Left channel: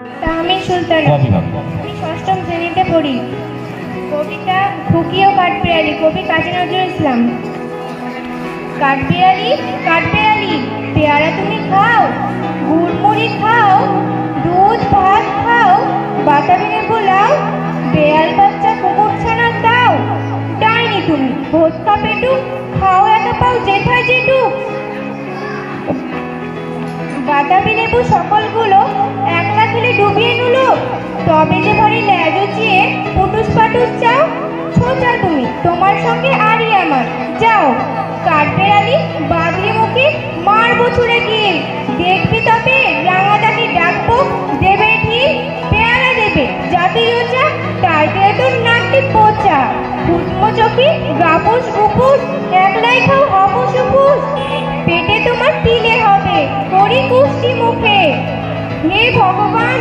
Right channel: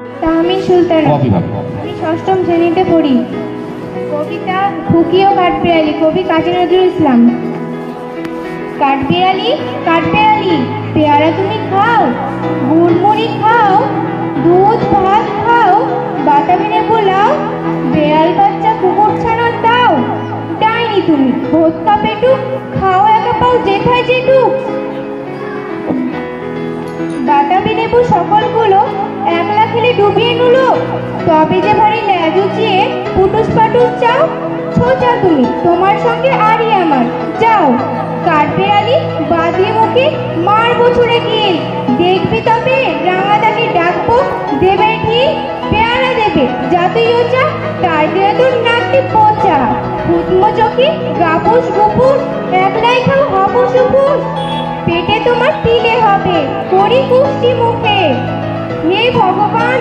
আমি সুলতানা। আমি ষষ্ঠম শ্রেণীতে পড়ি। কবিতা খুকি ও কাঠবিড়ালি, কবি কাজী নজরুল ইসলাম। কাঠবিড়ালি কাঠবিড়ালি পেয়ারা তুমি খাও, গুড়মুড়ি খাও, দুধ ভাত খাও, বাতাবি লেবু লাও, বেয়াল বাচ্চা কুকুর ছানা দাও। ডাইনি তুমি ভোজকা পেটু, খাও একা পাও যেথায় যেটুক। বাতাবি লেবু সকলগুলো একলা খেলে ডুবিয়ে নুলো, তবে যে ভারী ল্যাজ উচিয়ে পুটুস পাটুস চাও। সোজা তুমি, তোমার সঙ্গে আরই আমার, যাও। কাঠবিড়ালি বাঁধি মুখে মারবো ছুড়ে গিয়ে, দেখবি তবে রাঙাটাকে ডাকবো, দেবে ঠিক পেয়ারা দেবে জাতি ওচা, তার দিয়ে তোর নাকটি পোচা। ফুটমো চোখে গাপুস গুপুস, একলাই খাও হাপুস উপুস, পেটে তোমার তিলে হবে করি কুষ্টি মুখে। হে ভগবান